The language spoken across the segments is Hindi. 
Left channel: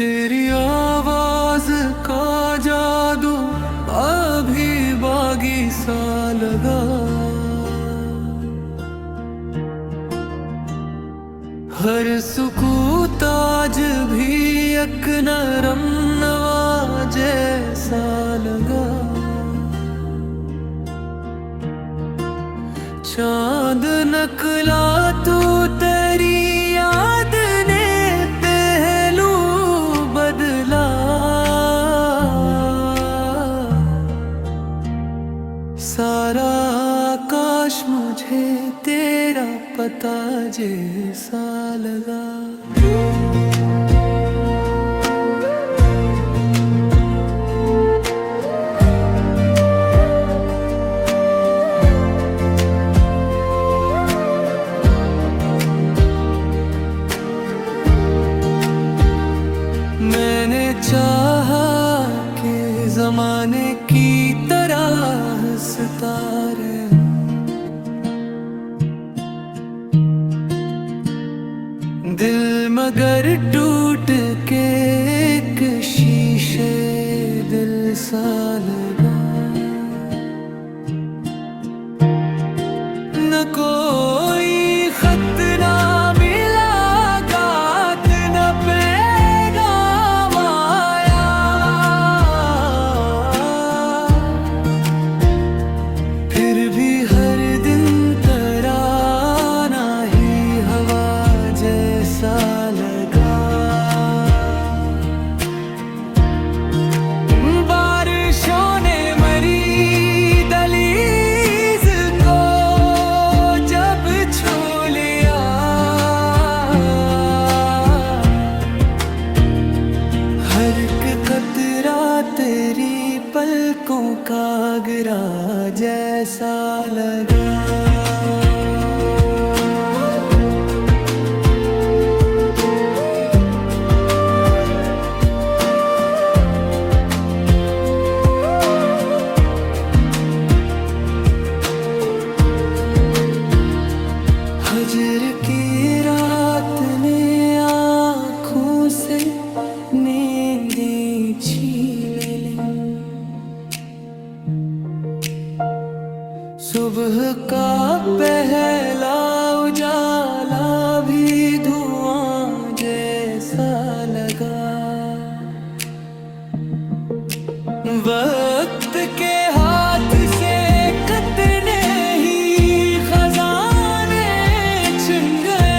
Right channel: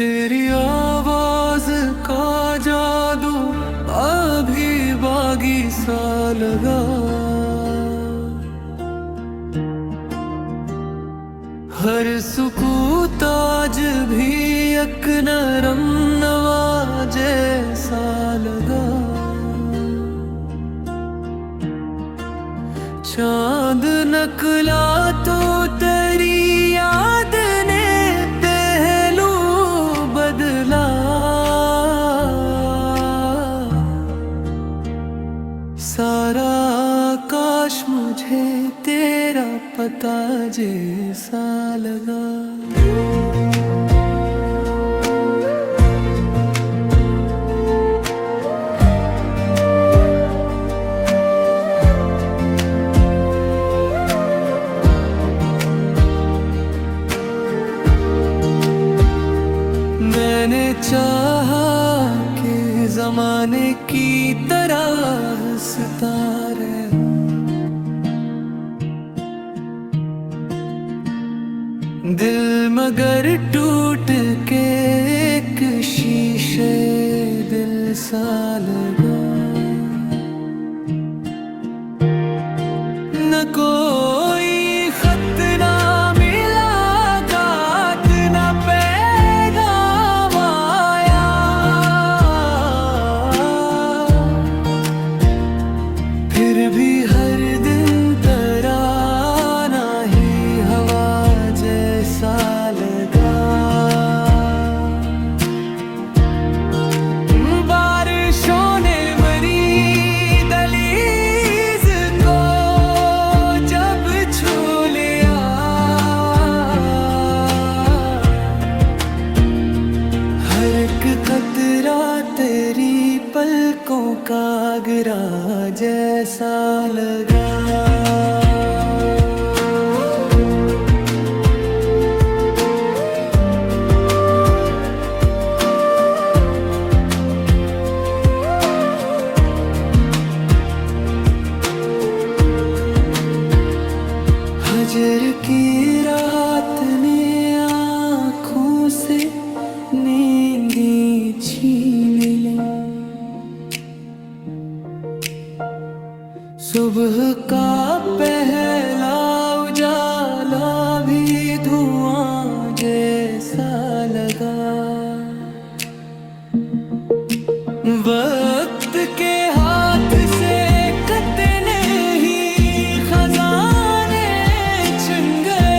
तेरी आवाज का जादू अभी बागी सा लगा। हर सुकूत आज भी एक नरम नवा जैसा लगा। चांद नकला तो तेरी याद ने पहलू बदला। सारा आकाश मुझे तेरा पता जैसा लगा। मैंने चाहा कि जमाने की तरह हंसता रहे, दिल मगर टूट के एक शीशे दिल सा लगा। न कोई खत ना मिला, गात न पैगाम आया। फिर भी हर दिन तराना ही हवा जैसा लगा। बारिशों ने मरी दहलीज को जब छू लिया, हर एक कतरा तेरी पलकों का गिरा जैसा लगा। हजर की रात ने आँखों से नींदें छीन ली। सुबह का पहला उजाला भी धुआं जैसा लगा। वक्त के हाथ से कतने ही खजाने छिन गए।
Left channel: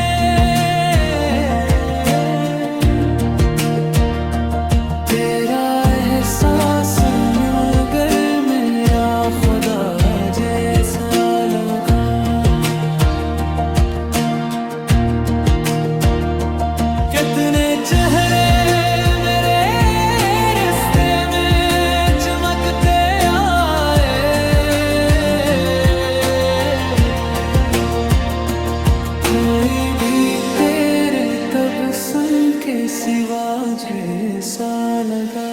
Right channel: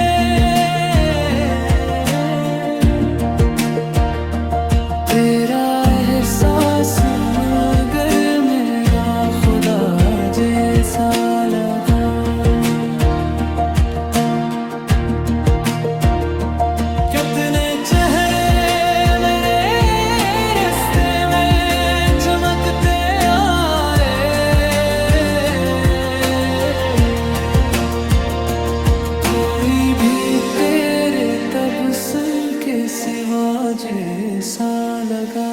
तेरा एहसास मगर मेरा खुदा जैसा लगा। कितने चेहरे मेरे रास्ते में चमकते आए, कोई भी तेरे तबस्सुम के सिवा जैसा लगा।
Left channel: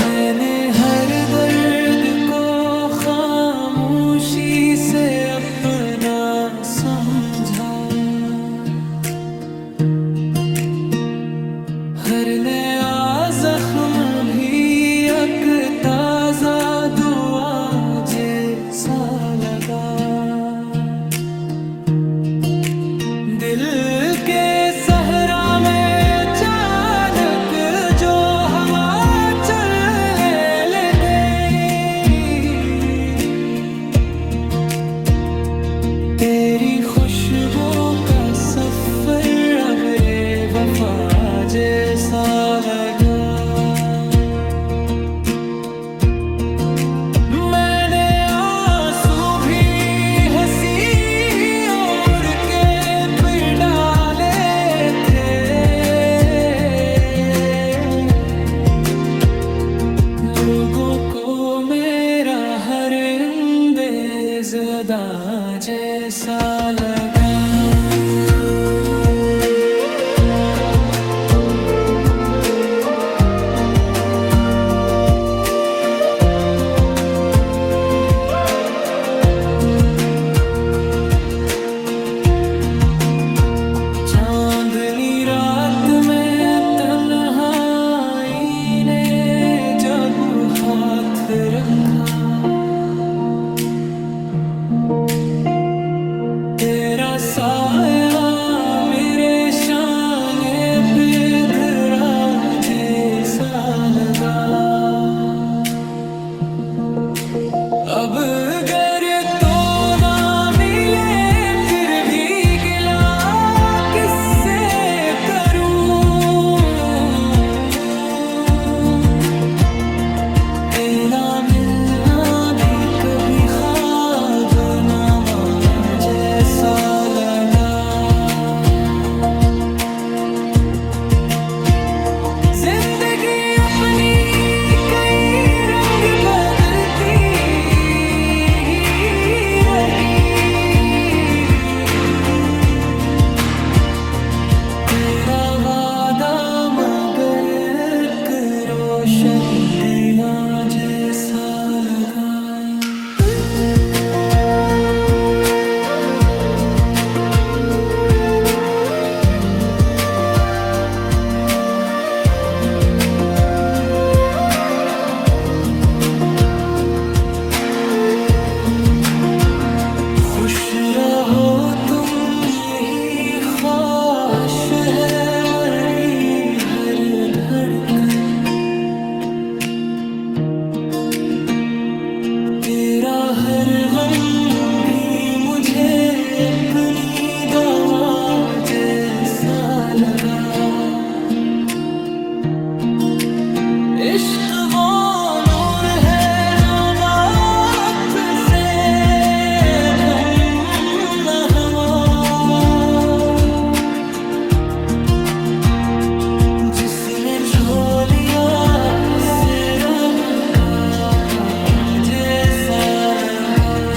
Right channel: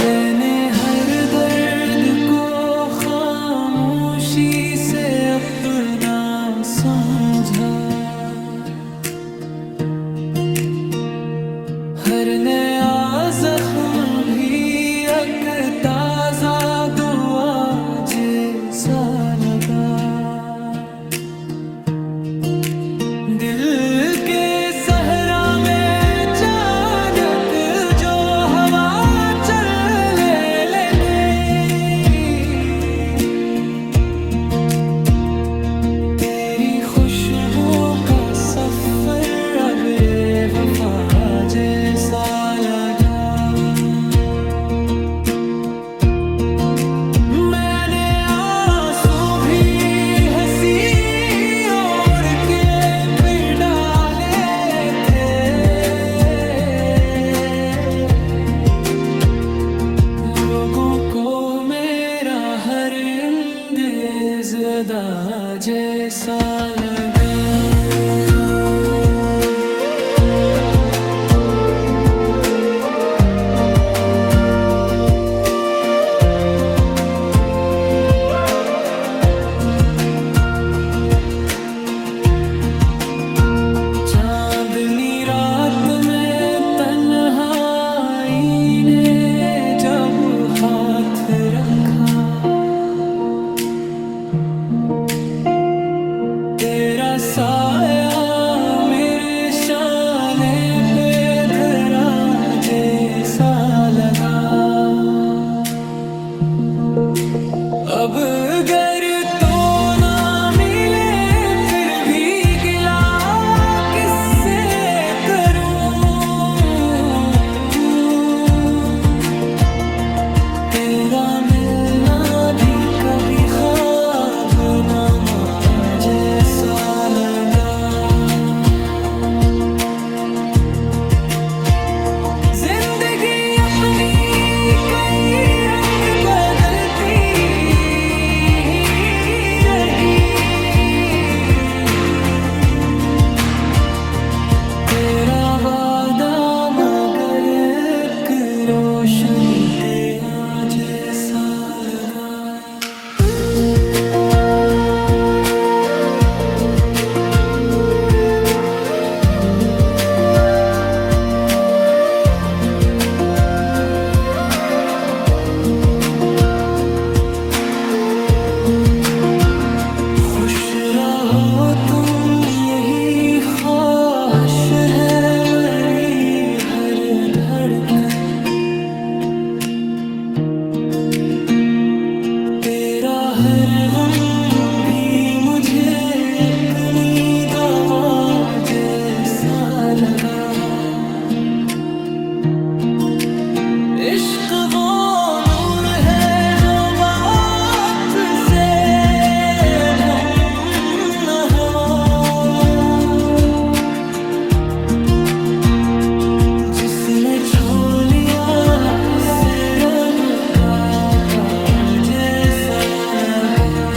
मैंने हर दर्द को खामोशी से अपना समझा। हर नया जख्म भी एक ताजा दुआ जैसा लगा। दिल के सहरा में अचानक जो हवा चले लेते, तेरी खुशबू का सफर अब रे वफा जैसा लगा। मैंने आंसू भी हंसी ओढ़ के फिर डाले थे। लोगों को मेरा हर अंदेज़ अदा जैसा लगा। रखा। तेरा साया मेरे शाने पे धरा जैसा लगा। अब अगर तो ना मिले फिर भी गिला किससे करूं। तेरा मिलना भी कभी ख्वाब नामा जैसा लगा। जिंदगी अपनी कई रंग बदलती रही। तेरा वादा मगर एक रोशन दिया जैसा लगा। खुश रहो तुम यही ख्वाहिश है मेरी हर धड़कन। तेरा हर गम भी मुझे अपनी दुआ जैसा लगा। इश्क वो नूर है जो बात से गम न हवा। जिसने छो लिया से रब का जैसा लगा।